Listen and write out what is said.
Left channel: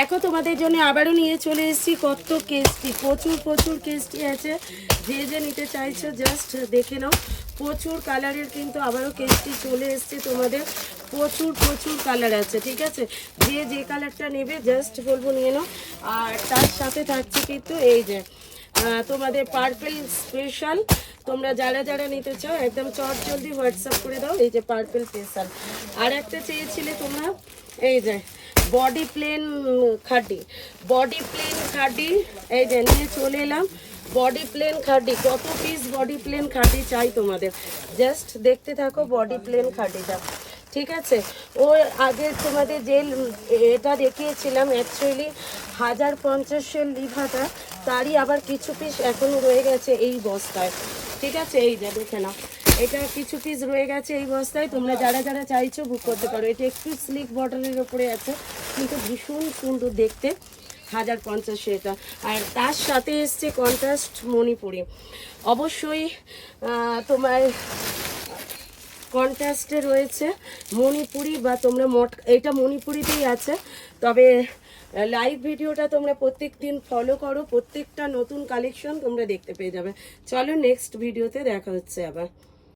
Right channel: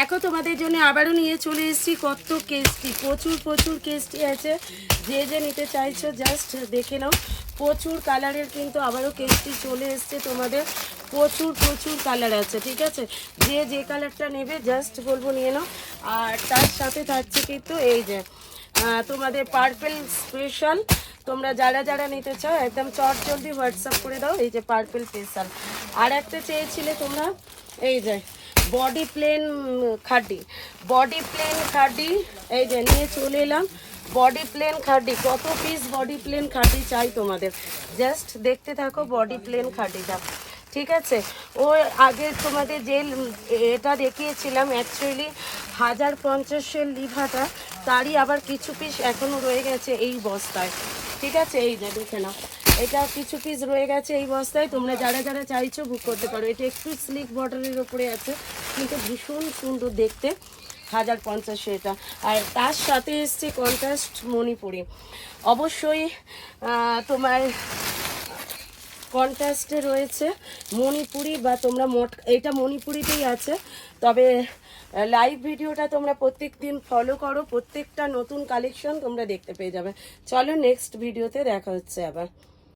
দেখো তোমাদের জন্য আবারও নিয়ে চলে এসেছি কত কেসটি, প্রচুর কেসটি আছে। যে যে নিতে চাইছো জাস্ট দেখে নাও। প্রচুর কালারের কিন্তু আবারও কেসটি চলে এসছে তোমাদের। প্রচুর কালার আছে, ঠিক আছে। যে যে কালারটা নেবে জাস্ট বলবো নিয়ে নাও। আর তার সাথে থাকছে কিন্তু এই যে তোমাদের পার্পেল স্পেশাল। তোমরা যারা যারা নিতে চাও একদম চটজলদি হোয়াটসঅ্যাপ করে দাও। এই যে পার্পেল স্পেশাল। আর একটা চেয়েছিলে তোমরা এই যে বডি প্লেন খাডি, এই যে নিয়ে চলে এলাম। বডি প্লেন খাডি, কত পিস বডি প্লেন খাডি চাই তোমাদের, জাস্ট দেখতে থাকো বডি প্লেন খাডিটা, ঠিক আছে। ও আগে তোমাদের যে এটা দেখিয়েছিলাম অ্যাকচুয়ালি 1050-এর লিভাটা, তারই আবার কিছু পিস এখনো রয়ে গেছে এই বস্তায়, ঠিক আছে। এই যে দেখে নাও, এটা কিছু পিস রয়ে গেছে এই বস্তায়। তোমরা যারা যারা চাইছো বুক করতে পারো। এটা একটু স্লিক বর্ডারের ওপরে আছে কিন্তু ভীষণ সুন্দর দেখতে, 1050 এটা। আর তার সাথে এসছে কন্ট্রাস্ট মণিপুরি। অবশ্যই তোমার কন্ট্রাস্টে রয়েছে মণিপুরি, বা তোমরা এটা মণিপুরিতেই আছে। তবে লাইভ ভিডিওটা তোমরা প্রত্যেক দিন ফলো করো, প্রত্যেকটা নতুন কালেকশন তোমরা দেখতে পেয়ে যাবে। চলো নেক্সট ভিডিওতে দেখা হচ্ছে আবার।